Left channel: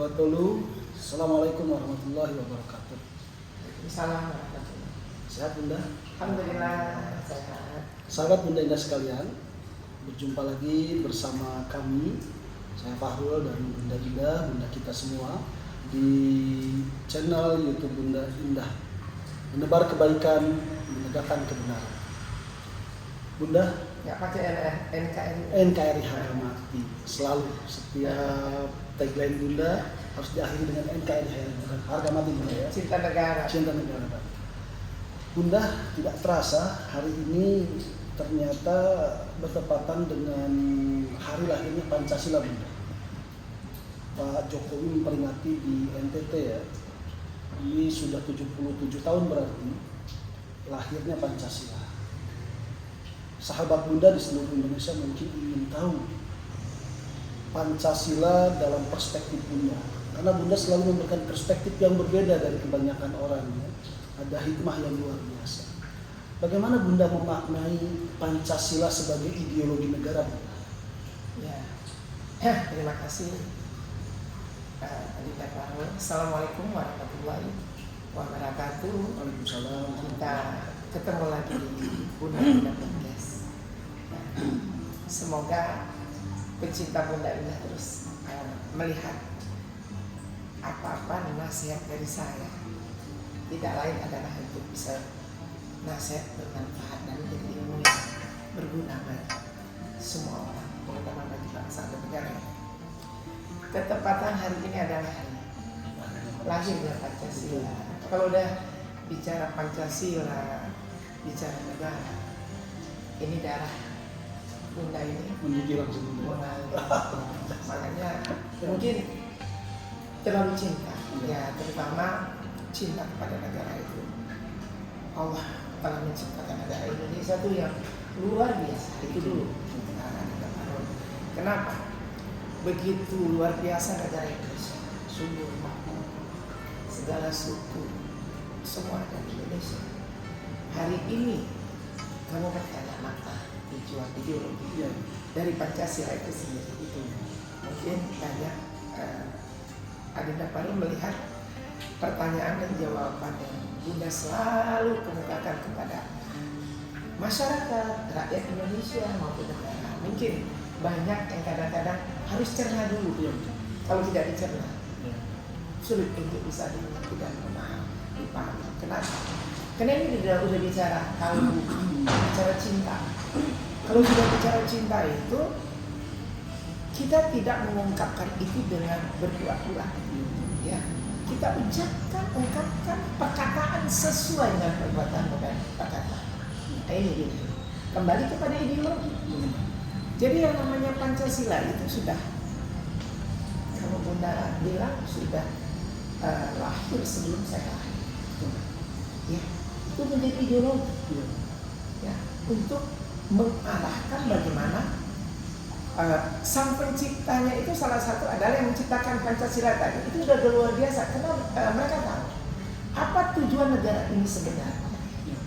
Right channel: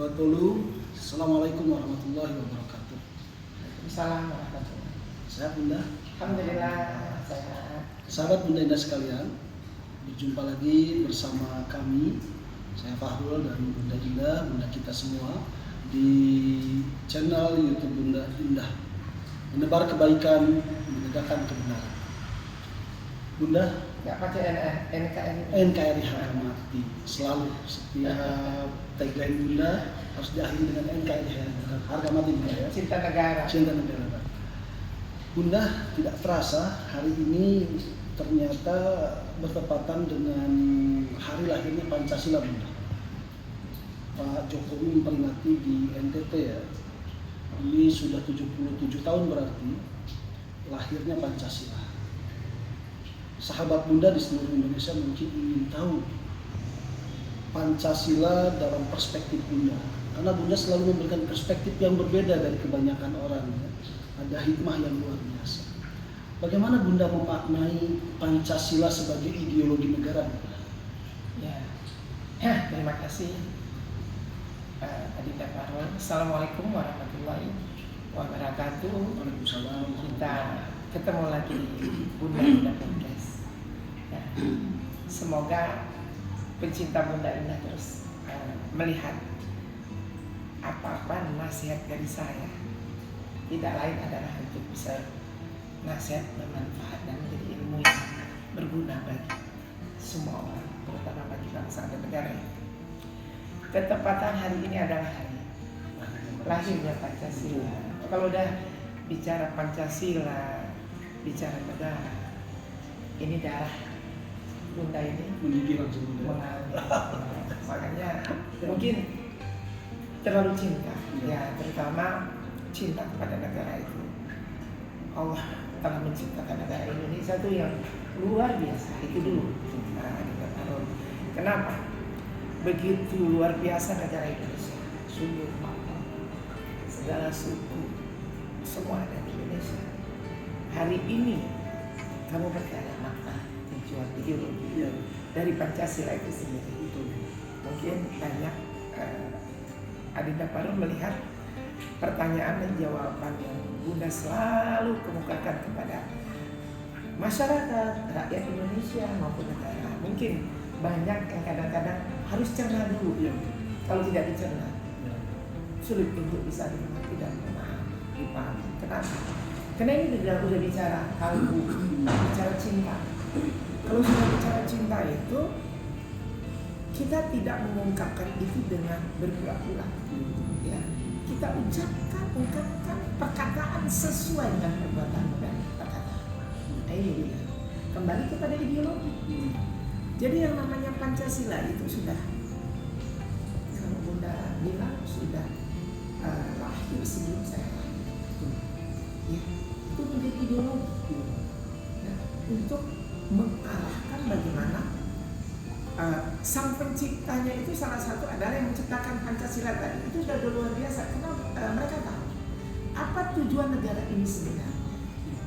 wabarakatuh. Assalamualaikum warahmatullahi wabarakatuh. Assalamualaikum warahmatullahi. Sehat Bunda? Alhamdulillah sehat. Sahabat Bunda Indah sekalian, berjumpa lagi bersama kami, saya Fahrul dan Bunda Indah, Bunda kita semua di channel YouTube Bunda Indah. Menebar kebaikan, menegakkan kebenaran. Bunda, Nggak pakai NKRI. NKRI harga mati. Selalu setiap tagline Bunda harus diakhiri dengan NKRI harga mati Bunda ya. Cinta negara. Cinta negara. Bunda, tidak terasa hari ini ternyata bertepatan dengan hari lahirnya Pancasila Bunda. Pak Jokowi memperingati di NTT ya. Ini sudah 77 tahun berarti lahirnya Pancasila. Sahabat Bunda di seluruh Indonesia mungkin ingin tahu Pancasila dalam perspektif Bunda, karena Bunda selalu memberikan perspektif yang berbeda dari kebanyakan orang ya. Ada hikmah yang luar biasa. Bagaimana Bunda memaknai Pancasila sebagai ideologi negara Bunda? Ya. Terima kasih Adinda Fahrul. Assalamualaikum warahmatullahi wabarakatuh. Waalaikumsalam. Kita ketemu lagi di Bunda Indah Podcast. Nah, semoga pencinta Bunda Indah terus melihat apa-apa nasihat dari saya tidak lain adalah untuk bisa nasihat bermanfaat dan menjadi ilmu yang berguna bagi semua orang, terutama bagi bangsa dan negara. Ketepatan hari ini adalah hari lahirnya Pancasila. Kalau udah bicara Pancasila, bicara negara, ini darah Bunda ini Menggigil langsung Bunda. mengalir. Makanya mungkin terlalu cinta, ya terutama cinta kepada negara itu. Allah telah menciptakan negara Indonesia itu yang luar biasa. Itu dulu. Kenapa? Begitu luar biasa negara Indonesia. Sungguh makmur, segala suku, semua ada di Indonesia. Hari ini kamu bertanya makna, tujuan, ideologi dari Pancasila itu sendiri. Itu mungkin banyak Adinda Fahrul melihat pertanyaan dan jawaban yang Bunda selalu kemukakan kepada masyarakat, rakyat Indonesia maupun negara. Mungkin banyak yang kadang-kadang harus cerna dulu. Kalau tidak dicerna, sulit untuk bisa dimengerti dan dipahami. Kenapa? Karena ini sudah bicara kalbu, bicara cinta. Kalau sudah bicara cinta itu, kita tidak mengungkapkan itu dengan berpura-pura. Ya, kita ungkapkan perkataan sesuai dengan perbuatan dan perkataan. Ini dia. Kembali kepada ideologi. Jadi yang namanya Pancasila itu sudah, kalau Bunda bilang sudah lahir sebelum saya lahir. Ya, itu menjadi ideologi. Ya, untuk mengarahkan bagaimana sang penciptanya itu salah satu adalah yang menciptakan Pancasila tadi. Itu sudah luar biasa karena mereka tahu apa tujuan negara ini sebenarnya.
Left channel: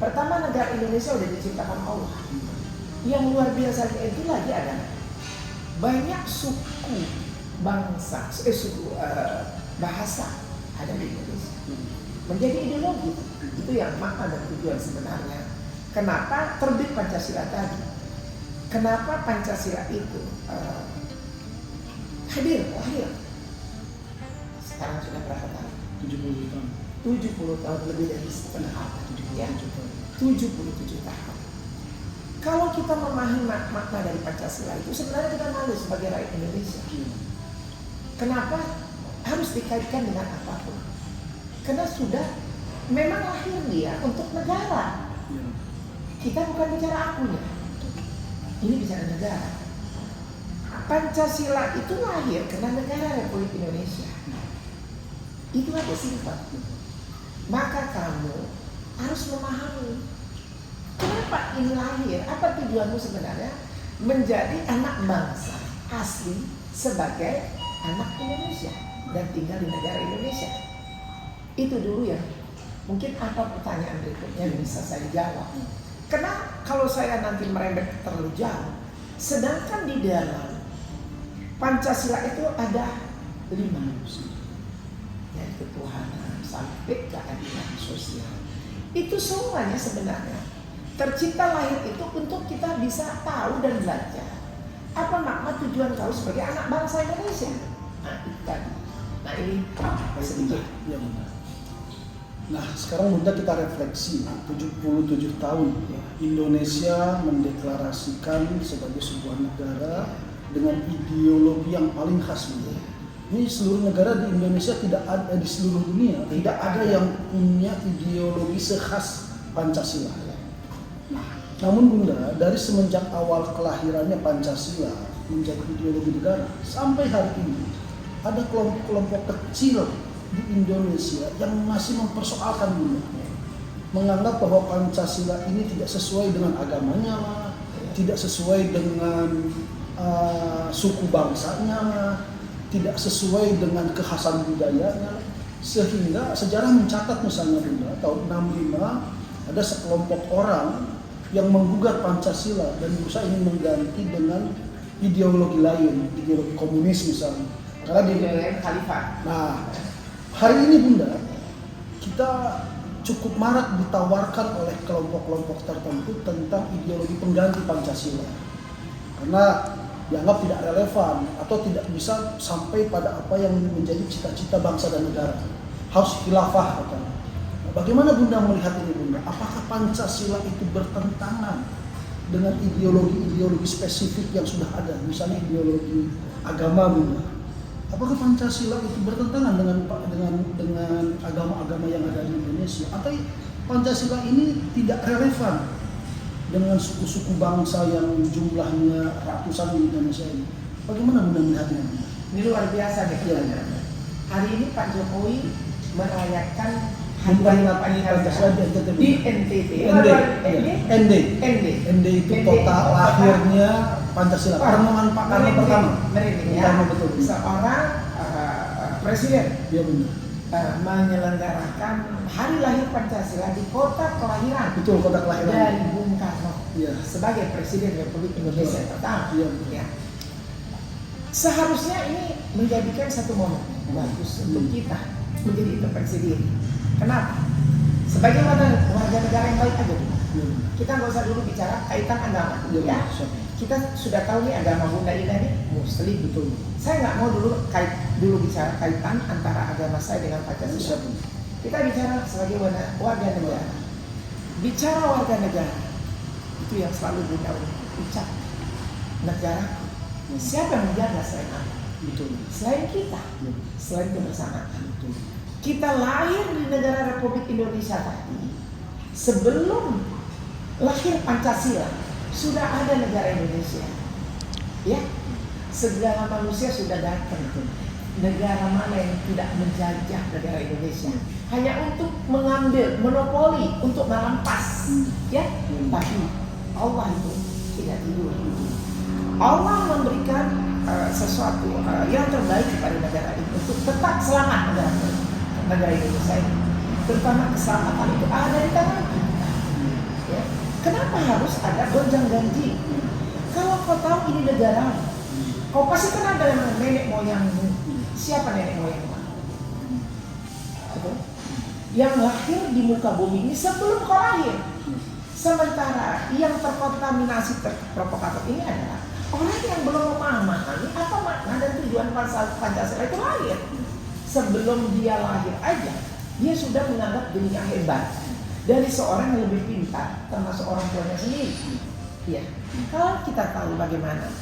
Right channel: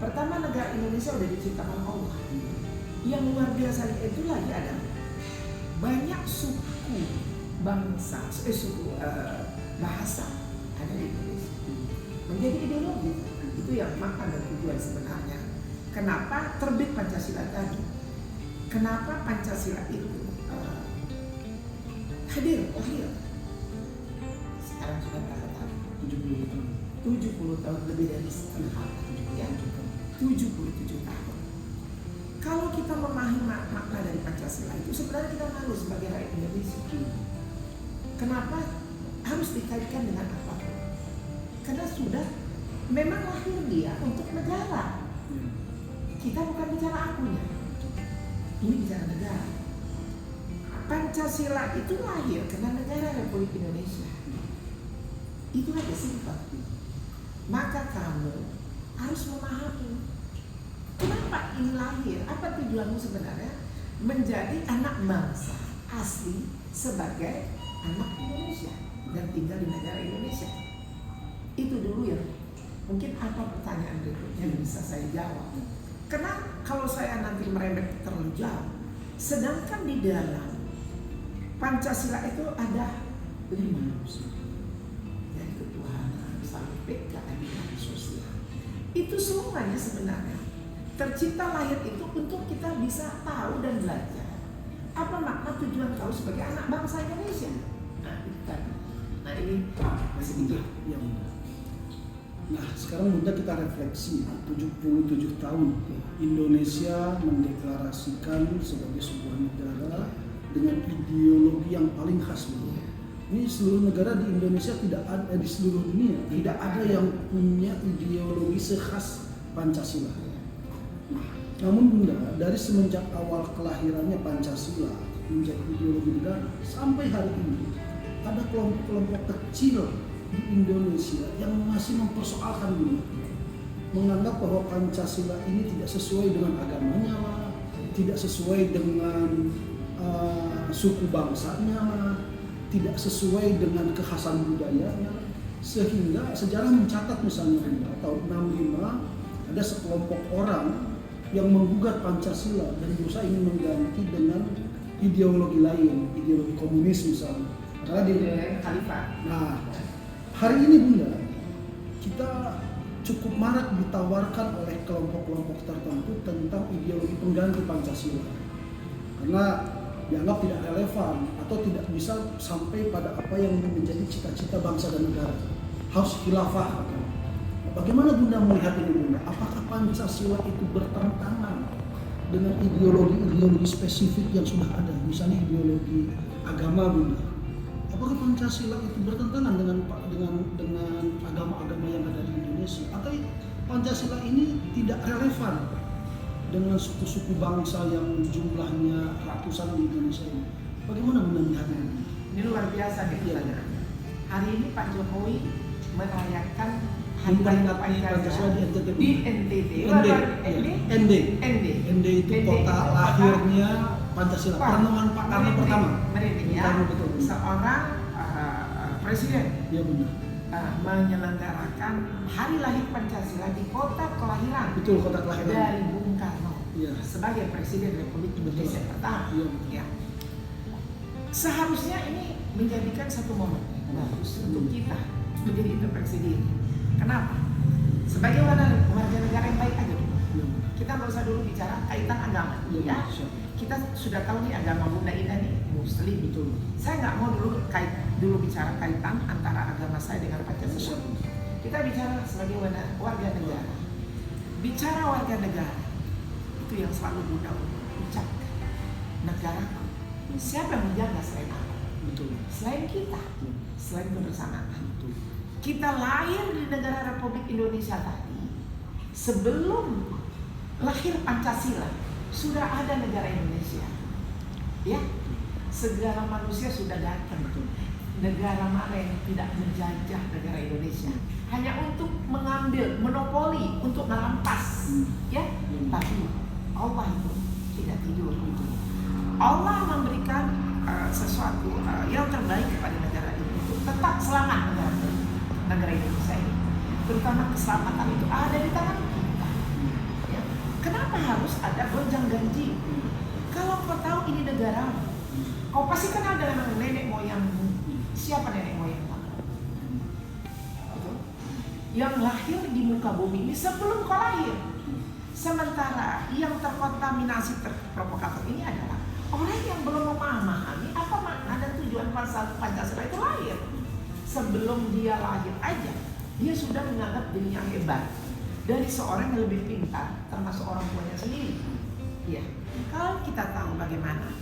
Pertama, negara Indonesia sudah diciptakan Allah. Yang luar biasa itu lagi adalah banyak suku bangsa, suku bahasa ada di Indonesia. Menjadi ideologi itu yang makna dan tujuan sebenarnya. Kenapa terbit Pancasila tadi? Kenapa Pancasila itu lahir? Sekarang sudah berapa tahun? 70 tahun. 70 tahun, lebih dari setengah abad. Ya? 77 tahun. Kalau kita memahami makna dari Pancasila itu, sebenarnya kita malu sebagai rakyat Indonesia. Kenapa harus dikaitkan dengan apapun? Karena sudah memang lahir dia untuk negara. Kita bukan bicara akunya. Ini bicara negara. Pancasila itu lahir karena negara Republik Indonesia. Itu ada sifat. Maka kamu harus memahami kenapa ini lahir. Apa tujuanmu sebenarnya? Menjadi anak bangsa asli sebagai anak Indonesia dan tinggal di negara Indonesia. Itu dulu ya. Mungkin apa pertanyaan berikutnya yang bisa saya jawab. Karena kalau saya nanti merembet terlalu jauh, sedangkan di dalam Pancasila itu ada 5. Dari ketuhanan sampai keadilan sosial. Itu semuanya sebenarnya tercipta lahir itu untuk kita bisa tahu dan belajar apa makna tujuan kau sebagai anak bangsa Indonesia. Nah itu tadi. Nah ini sedikit. Ya, Bunda. Nah sekarang Bunda kita refleksi 77 tahun Indonesia mendeklarasikan sebagai sebuah negara dengan ideologi yang paling khas, Bunda. Ini seluruh negara di Indonesia tidak ada, di seluruh dunia tidak ada yang punya ideologi sekhas Pancasila. Namun Bunda, dari semenjak awal kelahirannya Pancasila menjadi ideologi negara sampai hari ini ada kelompok-kelompok kecil di Indonesia yang masih mempersoalkan Bunda, menganggap bahwa Pancasila ini tidak sesuai dengan agamanya, tidak sesuai dengan suku bangsanya, tidak sesuai dengan kekhasan budayanya, sehingga sejarah mencatat misalnya Bunda tahun 65 ada sekelompok orang yang menggugat Pancasila dan berusaha ingin mengganti dengan ideologi lain, ideologi komunis misalnya. Karena di khalifah. Nah, hari ini Bunda, kita cukup marak ditawarkan oleh kelompok-kelompok tertentu tentang ideologi pengganti Pancasila. Karena dianggap tidak relevan atau tidak bisa sampai pada apa yang menjadi cita-cita bangsa dan negara. Harus khilafah katanya. Bagaimana Bunda melihat ini Bunda? Apakah Pancasila itu bertentangan dengan ideologi-ideologi spesifik yang sudah ada? Misalnya ideologi agama Bunda. Apakah Pancasila itu bertentangan dengan agama-agama yang ada di Indonesia? Atau Pancasila ini tidak relevan dengan suku-suku bangsa yang jumlahnya ratusan di Indonesia ini? Bagaimana Bunda melihat ini? Ini luar biasa nih pertanyaannya. Hari ini Pak Jokowi merayakan memperingati Pancasila di NTT. ND itu kota lahirnya Pancasila. Perenungan Pak Karno pertama. Merinding ya. Betul. Seorang presiden Ya benar. Menyelenggarakan hari lahir Pancasila di kota kelahiran. Betul, kota kelahiran dari Bung Karno. Ya. Sebagai Presiden Republik Indonesia pertama. Ya. Seharusnya ini menjadikan satu momen bagus untuk kita menjadi introspeksi diri. Kenapa? Sebagai warga negara yang baik aja dulu. Kita nggak usah dulu bicara kaitan agama. Ya. Kita sudah tahu nih agama Bunda Ina nih Muslim betul. Saya nggak mau dulu bicara kaitan antara agama saya dengan Pancasila. Kita bicara sebagai warga negara. Bicara warga negara itu yang selalu Bunda ucap. Negaraku. Siapa yang menjaga selain aku? Betul. Selain kita, selain kebersamaan. Betul. Kita lahir di negara Republik Indonesia tadi. Sebelum lahir Pancasila, sudah ada negara Indonesia. Ya, segala manusia sudah datang. Negara mana yang tidak menjajah negara Indonesia? Hanya untuk mengambil, monopoli, untuk merampas. Ya, tapi Allah itu tidak tidur. Allah memberikan sesuatu yang terbaik kepada negara ini untuk tetap selamat negara Indonesia ini. Terutama keselamatan itu ada di tangan kita. Ya. Kenapa harus ada gonjang ganji? Kalau kau tahu ini negara, kau pasti kenal dengan nenek moyangmu. Siapa nenek moyangmu? Betul? Yang lahir di muka bumi ini sebelum kau lahir. Sementara yang terkontaminasi provokator ini adalah orang yang belum memahami apa makna dan tujuan Pancasila itu lahir. Sebelum dia lahir aja, dia sudah menganggap dirinya hebat dari seorang yang lebih pintar, termasuk orang tuanya sendiri. Ya, kalau kita tahu bagaimana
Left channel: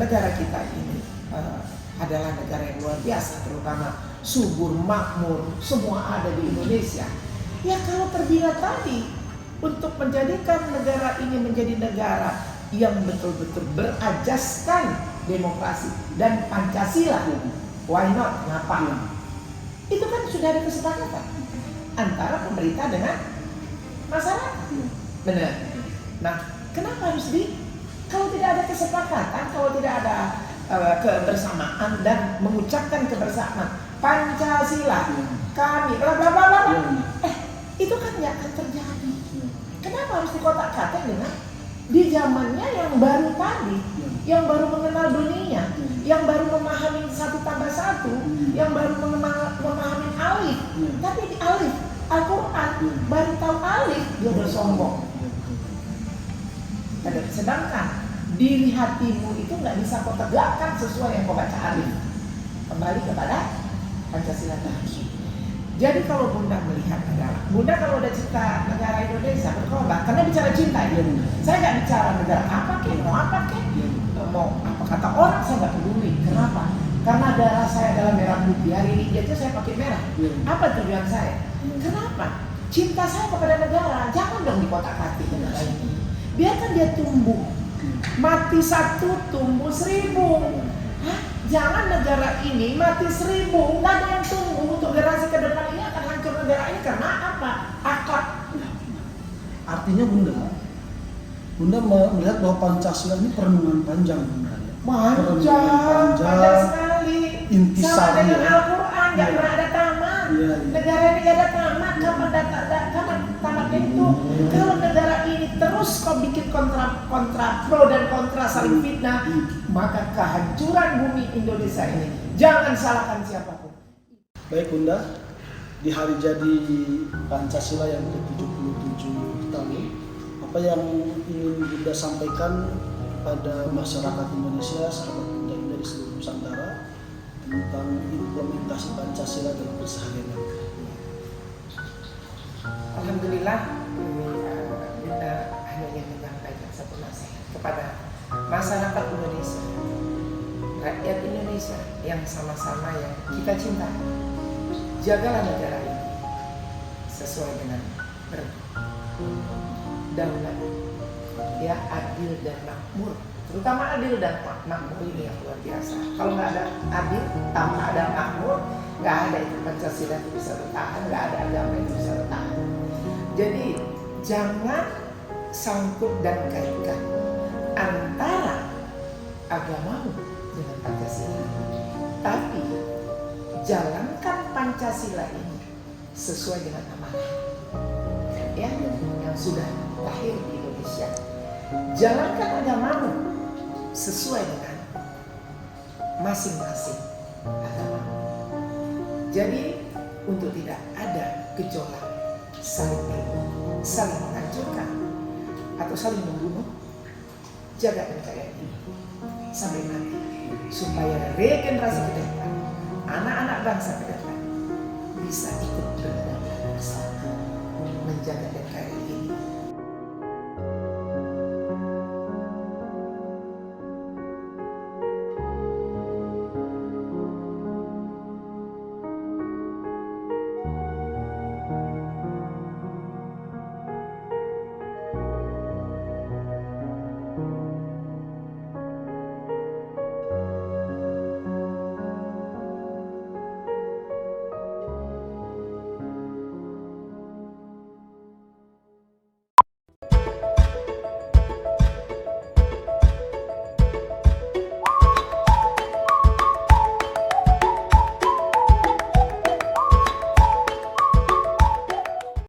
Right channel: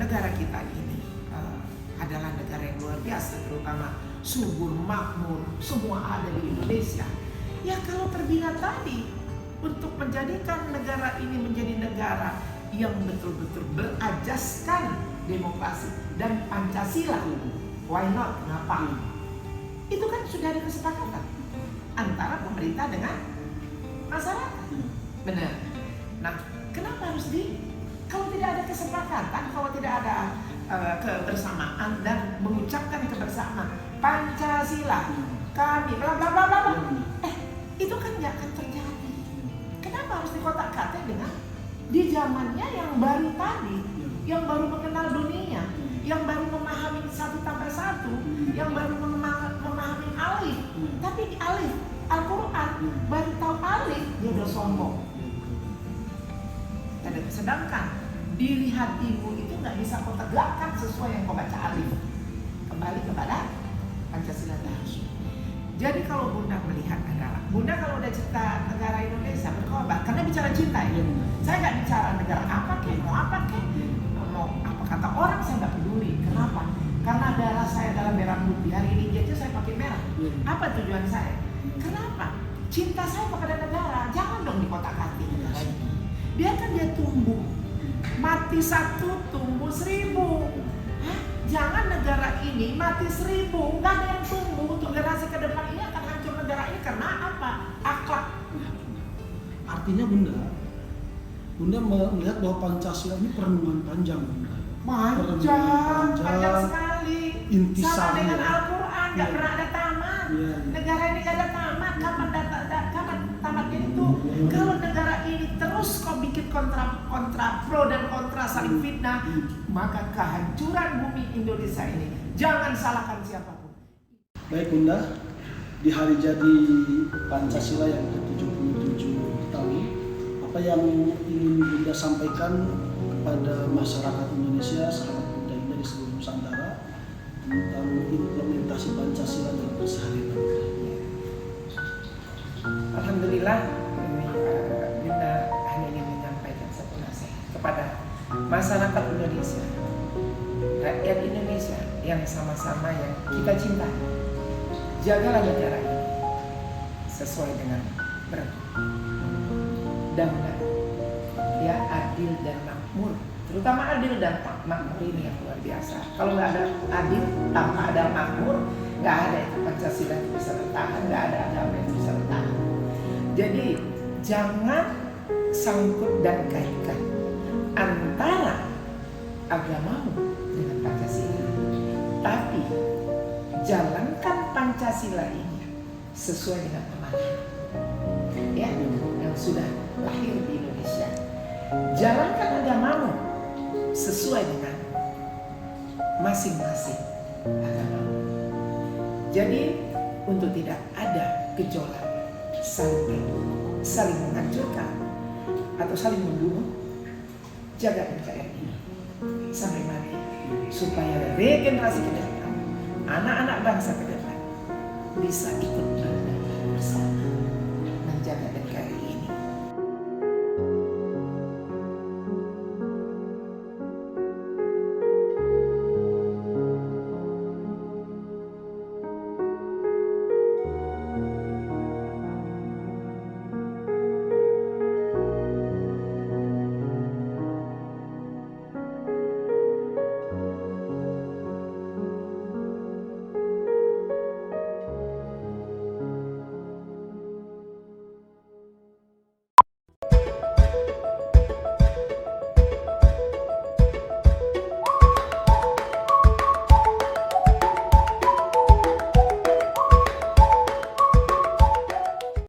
negara kita ini adalah negara yang luar biasa, terutama subur, makmur, semua ada di Indonesia. Ya kalau terbina tadi untuk menjadikan negara ini menjadi negara yang betul-betul berajaskan demokrasi dan Pancasila, why not? Kenapa? Itu kan sudah ada kesepakatan antara pemerintah dengan masyarakat. Benar. Nah, kenapa harus kalau tidak ada kesepakatan, kalau tidak ada kebersamaan dan mengucapkan kebersamaan Pancasila, kami bla bla bla bla. Itu kan nggak akan terjadi. Kenapa harus dikotak-katik dengan di zamannya yang baru tadi, yang baru mengenal dunia, yang baru memahami 1+1, yang baru memahami alif. Tapi di alif Al-Quran baru tahu alif dia udah sombong. Sedangkan diri hatimu itu nggak bisa kau tegakkan sesuai yang kau baca alif. Kembali kepada Pancasila tadi. Jadi kalau Bunda melihat adalah, Bunda kalau udah cinta negara Indonesia berkorban, karena bicara cinta ya. Saya nggak bicara negara apa kek, mau apa kek, mau apa kata orang saya nggak peduli. Kenapa? Karena darah saya adalah merah putih. Hari ini aja saya pakai merah. Apa tujuan saya? Kenapa? Cinta saya kepada negara, jangan dong dikotak-atik negara ini. Biarkan dia tumbuh. Mati 1 tumbuh 1000. Hah? Jangan negara ini mati 1000, nggak ada yang tumbuh untuk generasi ke depan ini akan hancur negara ini karena apa? Akhlak. Artinya Bunda melihat bahwa Pancasila ini perenungan panjang, Bunda. Panjang sekali. Intisari sama dengan ya. Al-Quran nggak pernah ada tamat. Negara ini nggak ada tamat. Kapan tamatnya itu? Kalau negara ini terus kau bikin kontra pro dan kontra saling fitnah, maka kehancuran bumi Indonesia ini jangan salahkan siapapun. Baik Bunda, di hari jadi Pancasila yang ke-77 tahun, apa yang ingin Bunda sampaikan kepada masyarakat Indonesia, sahabat Bunda dari seluruh Nusantara tentang implementasi Pancasila dalam keseharian? Alhamdulillah, Bunda hanya ingin menyampaikan satu nasihat kepada masyarakat Indonesia, rakyat Indonesia yang sama-sama yang kita cintai. Jagalah negara ini sesuai dengan berdaulat, ya, adil dan makmur. Terutama adil dan makmur ini yang luar biasa. Kalau nggak ada adil, tanpa ada makmur, nggak ada itu Pancasila itu bisa bertahan, nggak ada agama itu bisa bertahan. Jadi jangan sangkut dan kaitkan antara agamamu dengan Pancasila, tapi jalankan Pancasila ini sesuai dengan amanah, ya, yang sudah lahir di Indonesia. Jalankan agamamu sesuai dengan masing-masing agamamu. Jadi untuk tidak ada gejolak saling menghancurkan atau saling membunuh, jaga NKRI ini sampai mati supaya regenerasi ke depan, anak-anak bangsa ke depan bisa ikut berdaulat bersama menjaga NKRI ini